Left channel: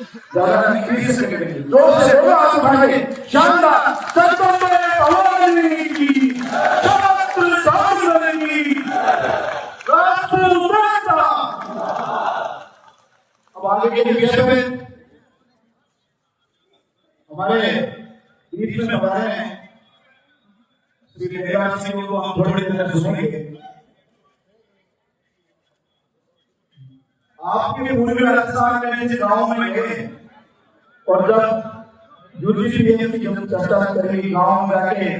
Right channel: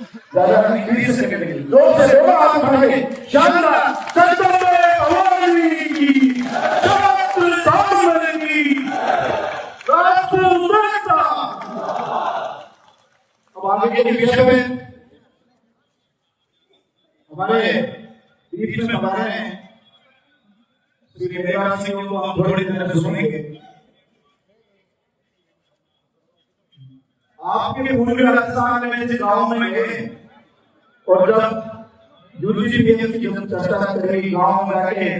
ज्यादा नहीं 20 सेकंड के जोर से बोलो हाथ उठा के शानदार चंद्रमणि भवानी की छत्र धामन की राष्ट्र माता। अब आगे के विषय में हमारे बीच में बताए हैं श्री मेघराज सिंह को हम थोड़ी देर में सुनेंगे। आपके पूर्वी राजस्थान में से गांव में गए और जब यूजीपीएम की जब चर्चा करी गांव में आके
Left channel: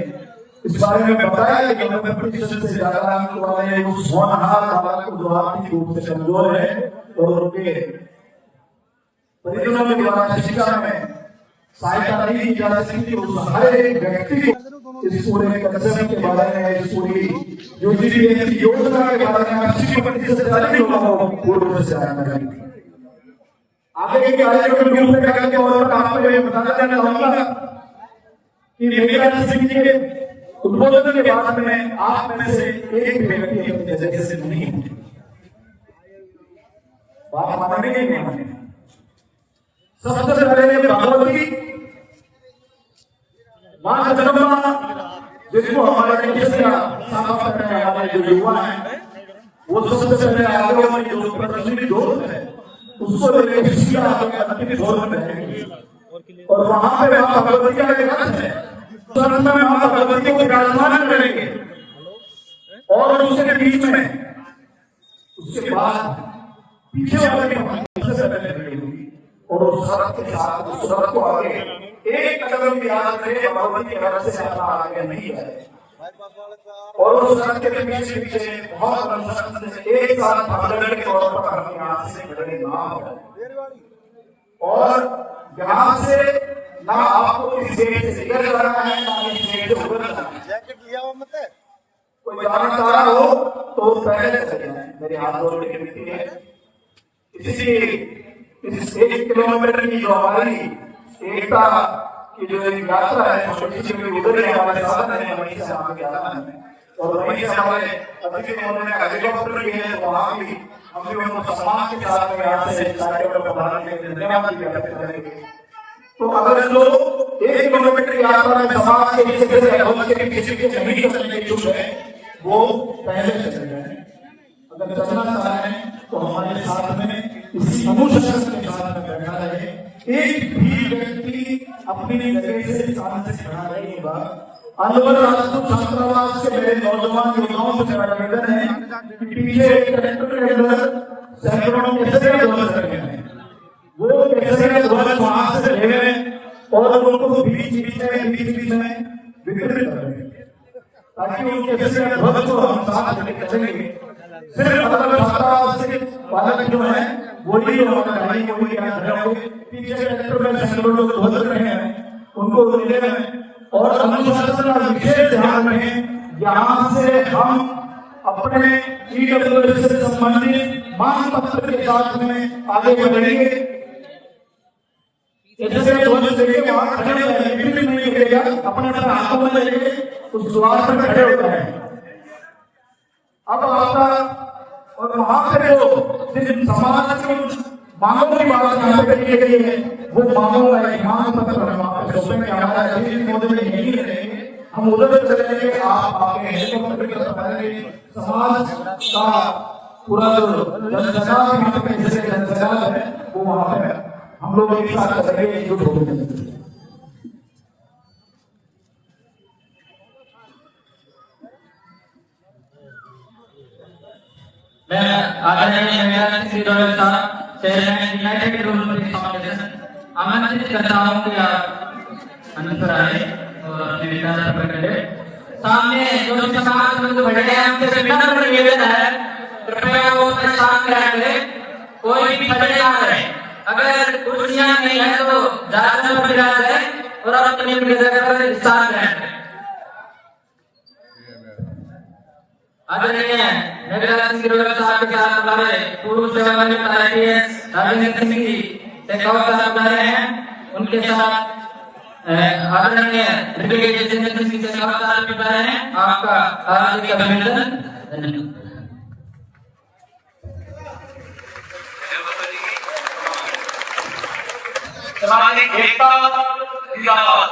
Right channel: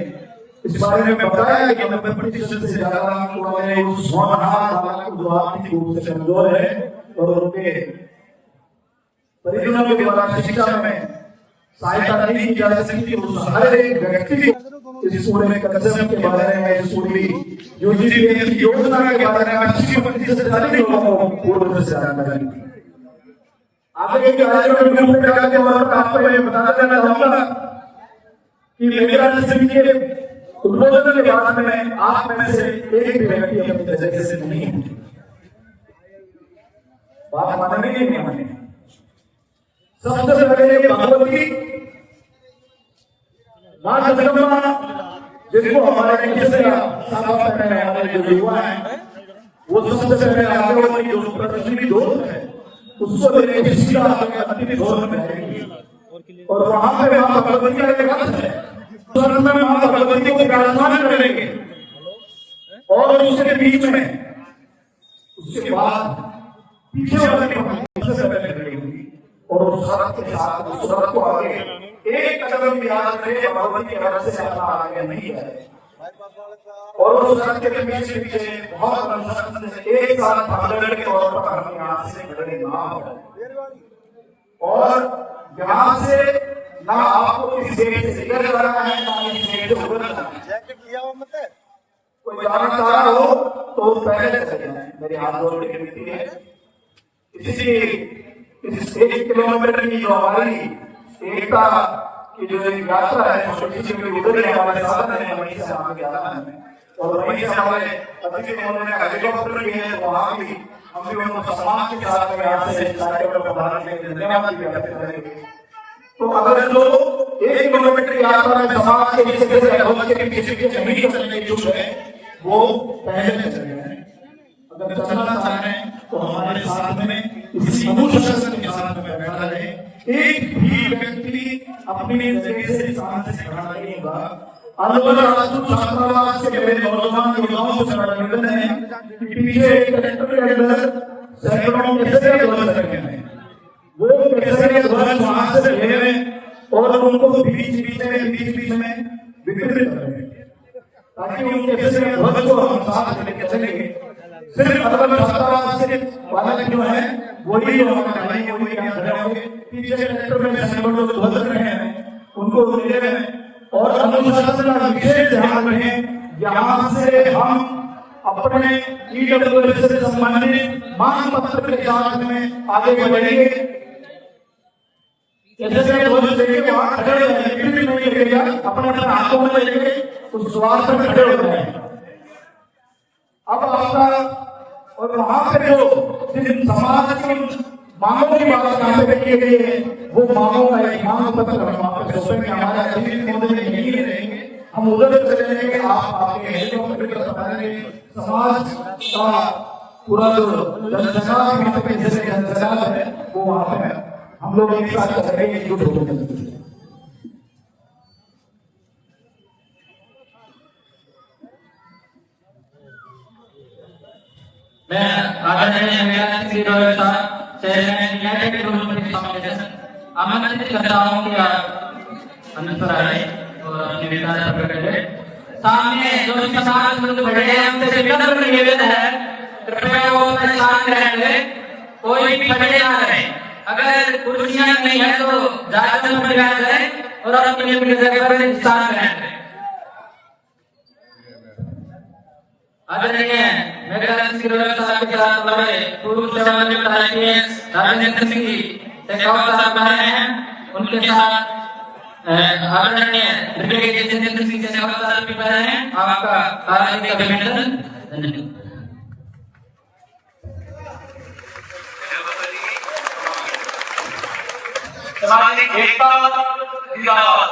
इस बारे में बताया कि 90% से ज्यादा अंक वाले उस होनहार बालक जो आर्थिक रूप से कमजोर है और उनके परिजनों के द्वारा शिक्षा में सहायता नहीं की जा सकती, उस हर एक व्यक्ति को इस पूरे कंसेप्ट के बारे में, इस पूरी यूजीपीएम की योजना के बारे में 80% से ज्यादा लोगों को पूर्व से जानकारी दी। आगे के कार्यक्रम के ऊपर जाकर और आपको ये बताना चाहूंगा कि मेघराज सिंह के उद्बोधन के बाद में आप में से एक व्यक्ति अपनी जगह से नहीं है। बात मानेंगे कि नहीं मानेंगे? सबसे पहले भगवती मां जगदम्बा जिसको हमारे साफ करने वाले जो युवा है वो सबसे पहले आगे वाली जो प्रदर्शनी दौर है उसको लेकर सीधा अंतिम दौर में रहेंगे और वहां पे मां भगवती का एक अर्थ है, स्वर्ग में मां भगवती को विराजमान करेंगे और उसके बीच में उसके बाद पीछे वाली सबसे पहले खड़ी होगी और उस शरत के साथ उस शरत को आगे एक कदम भी याद रहे भगवती के हाथ से आगे नहीं है और उस शरत के पीछे पीछे बहुत बड़ा से एक साथ भागने के तौर पर हम यहाँ से खड़े ना हो और यहाँ से ना आपको किसी से निकल जाना है ना किसी से उतर जाना है। कोई जाना चाह रहा हो तो पहले चले जाए, मेरे हाथ जोड़ के विनती है। इस 1 किलोमीटर की जो हमारी एकता की जो एक यात्रा है छोटी सी उधर हमारे साथ है, वहीं से आगे आना है और वहीं से हमारे अतिथि उन्होंने हेलीकॉप्टर लिए वहां भी हम भी उनको सम्मान के साथ यहाँ से कार्यक्रम को बढ़ाने के लिए धन्यवाद भी व्यक्त करेंगे। तो अगर जो 1 किलोमीटर की यात्रा में समाज के हिस्से से अवश्य के किसी भी नहीं चलने की इच्छुक है वो पहले चले जाए। अगर चलना चाहें तो हमारे साथ में इसी अनुशासन के साथ में बैठा रहे। एक भी व्यक्ति अपनी जगह से शांति से खड़ा नहीं होगा। अलवर राष्ट्रीय छात्रावास के मेरे नौजवान युवाओं से मेरा निवेदन है कि पीछे कलेक्टर के अंदर सैकड़ों केसरिया ध्वज रखे हैं, वो केसरिया ध्वज वहां से ले रहे और उनको बीच बीच में वितरित कर रहे हैं ताकि उन केसरिया ध्वज को हम साथ लेके चलेंगे। सिर्फ अलवर छात्रावास के बालक जो है वही हमारे भाई है, वही यहाँ होंगे। पीछे कलेक्टर में सैकड़ों ध्वज रखे हैं उनको ले रहे हैं और अनुशासन का विशेष ध्यान रहे। यहाँ से हम अपने ईडब्ल्यूएस से संबंधित मांग पत्र के साथ में आगे बढ़ेंगे। जैसे ध्वज लेके वहां खड़े हो जाए, बिल्कुल नहीं लगेगा, अपने अपने हाथों में लेके उस द्वार पर खड़े हो जाए। अब आपका और वहां पे जो सिर्फ समाज की मांगों की बात यहाँ पे की गई है वो मांगों का एक मांग पत्र हम वहां पे सौंपेंगे। हमारे अतिथि महोदय यही रहेंगे, हम उधर चले जाएंगे। आप आपके हेलीकॉप्टर की तरफ आएंगे। समाज का पूरा जो जनसंचार यहाँ पे जैसे जनसंचार है वो वहां पे हम लोग एक साथ करेंगे, एकजुट होकर चलेंगे। मैं आदरणीय मेघराज सिंह जी साहब चेयरमैन यूनाइटेड डेवलपमेंट फाउंडेशन आमंत्रित करता हूं कि आप अनुसार आए और अपने विचार प्रकट करें। सामने जो समाज लोग खड़े हैं उनसे विनम्र निवेदन है कृपया वो अपने स्थान ग्रहण करें, कोई भी खड़े ना रहे। अगर कुर्सियां नहीं है तो जाकर प्रयास करें और अपनी अपनी जगह पर स्थान ग्रहण करें। आदरणीय मेघराज सिंह साहब के साथ हमारे पूर्व सेवानिवृत्त आईपीएस राजेंद्र सिंह जी एक और साहब बने हैं, उनके साथ आदरणीय ब्रिगेडियर जितेंद्र सिंह शेखावत साहब भी बने हैं। आपका हार्दिक अभिनंदन। धन्यवाद। सामाजिक एकता जिंदाबाद,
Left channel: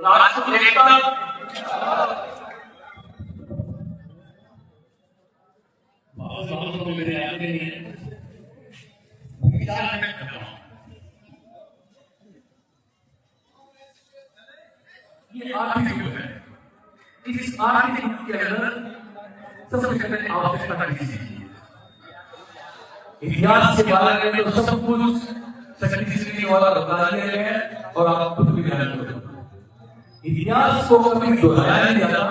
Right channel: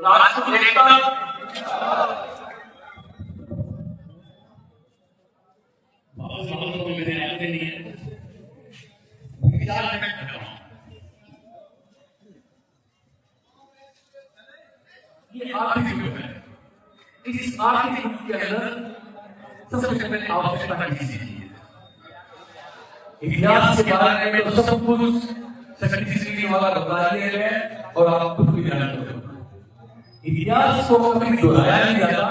राष्ट्रीय एकता। मेरे याद नहीं है ये आर्थिक युग है। इस आर्थिक युग के अंदर सबसे पहले आवश्यकता किसी की इतिहास के बारे में तो सब कुछ शक्ति वाला बता दिया गया है और आप खुद भी ध्यान रखो। इतिहास को कभी दोहराया नहीं जाता,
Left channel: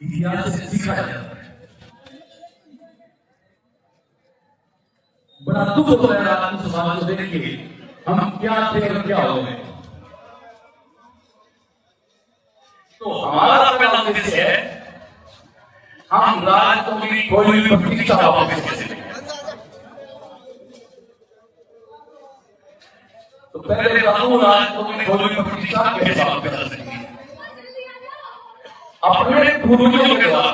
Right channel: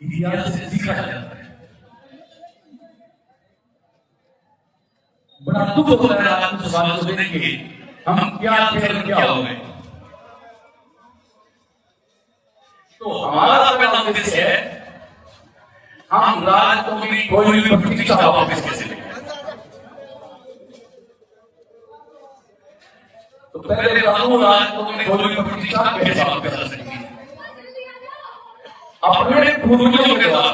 इतिहास से सीखा जाता है। बड़ा दुख होता है आज उस सवाल को देख के, हम क्या थे और क्या हो गए। तो हमारा पहला उद्देश्य है हम राष्ट्र की कोई भी प्रतीक्षा वापस कैसे लें। तो पहले कानून राष्ट्र की कोई भी प्रतीक्षा कैसे वापस कर सकेंगे अपने पूर्वजों के द्वारा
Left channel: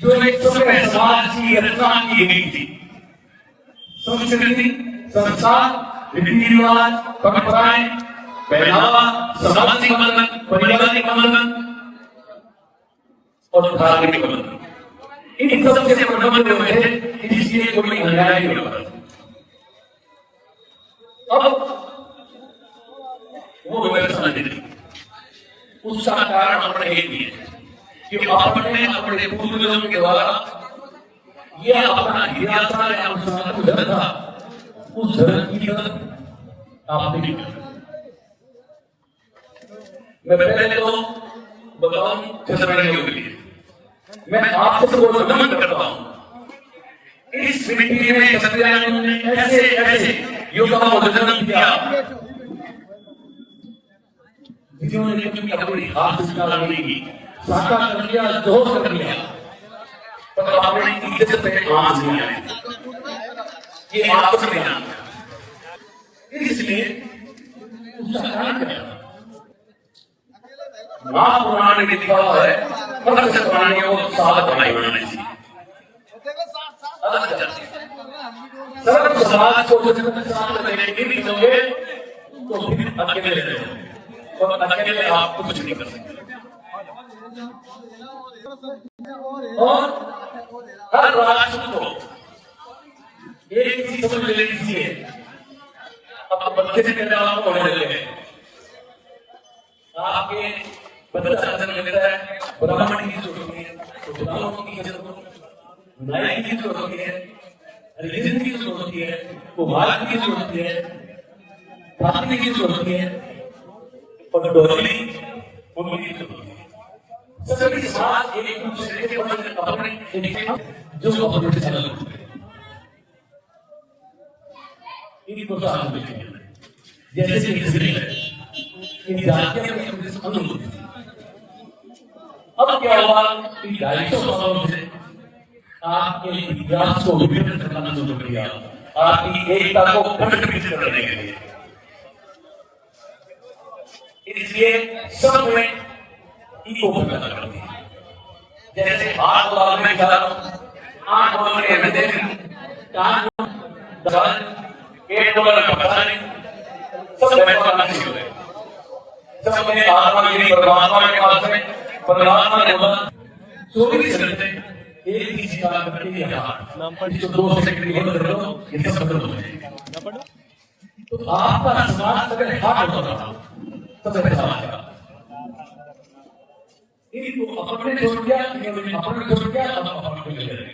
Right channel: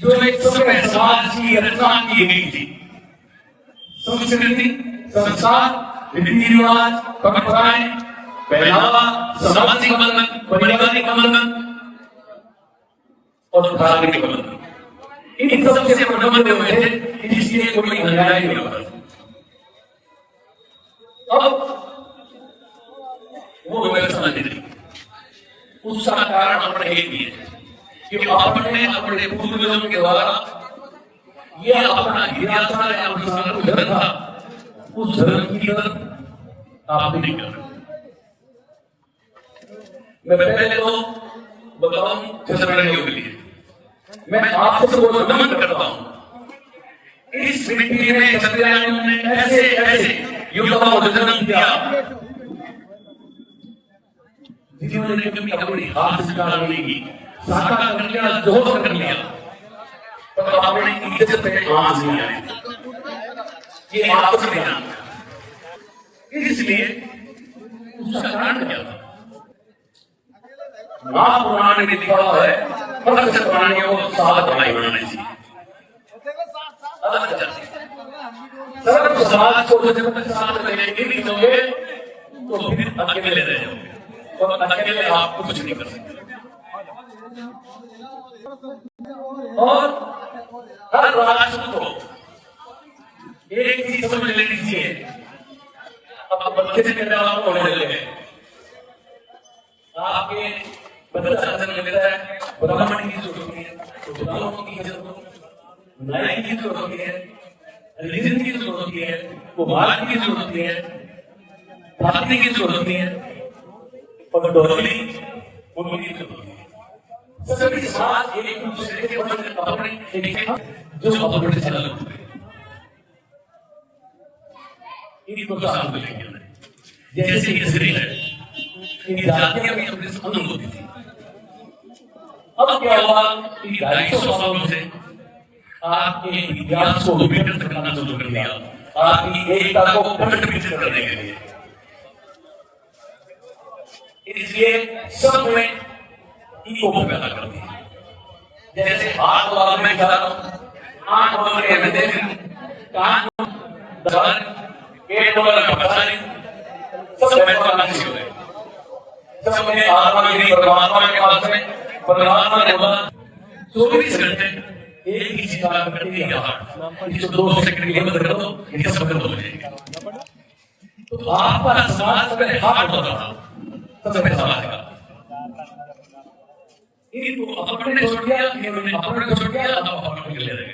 जो एक सभ्य समाज की रचना की गई थी। संस्कृति, संस्कार, रीति रिवाज, परंपराएं, पहनावा, सामाजिक बंधन, पारिवारिक बंधन और धार्मिक बंधन, इन सबसे प्रबंध हुए इसलिए कोई अन्याय नहीं होता। अब वो व्यवस्था नहीं, उसका कारण अपने एक ही है कि अपने पूर्वजों के द्वारा ये अपना इतिहास था, उस धर्म की तरफ आप नहीं करते। मैं पहले तो बताऊं जनसाधारण के लिए मैं आप सबको नमन करता हूं। इस मिट्टी में सत्याग्रह ने ऐसे ऐसे युवाओं का जन्म दिया जिन्होंने कभी अपने हाथ से काम नहीं की, साका कर दिया, जोर कर दिया, तो आपने इज्जत में आंच नहीं आए, ये आपस में आना। इसलिए उसका कारण क्या था? महापुराण में लिखा हुआ है प्रत्येक प्राणियों को 7 भाई बनाने चाहिए। सर्व समाज को जब साथ लेके भी जाओगे तो फिर अकेले रह जाओगे और अकेले आप कुछ नहीं कर सकते। और हर राष्ट्र को एक चीज समझ लेनी चाहिए। अब बच्चे से निर्धारण हो रहे हैं, आपके बच्चा जन्म लेता है, ब्राह्मण की जरूरत है, ब्राह्मणों की जरूरत है, नायक की जरूरत है, रिलीजन की जरूरत है, कुमार की जरूरत है, भाषी की जरूरत है और डोली उनकी जरूरत है। सभी समाज एक दूसरे के अपने जो अपने से अलग होते हैं, इनको साथ में जैसे इसराइल है, इन जातियों में अपने से अलग होती थी। अब क्या हुआ कि 250 सालों से आपके इतिहास को विकृत करना शुरू कर दिया, आपकी एकता को खंडित करने के लिए। इसलिए सब में ईगो पैदा कर दिया। जैसे हाथ बार में खा आंख बार में हृदय कान दाल पेट वाला बताने सब महत्वपूर्ण किसी होते हैं। सब में आत्मा मेरी परमात्मा के पास में परमात्मा ने बोला 24 घंटे एक ही चीज काम करते हैं यार, इसको 2 सेकंड के अंदर करो, ये सब खत्म हो जाएगा। तो आपका समाज सब हाथ होता था, सब समाज का इनको अपने छोड़ दिया, अपने छोड़ दिया, अपने ले रहे।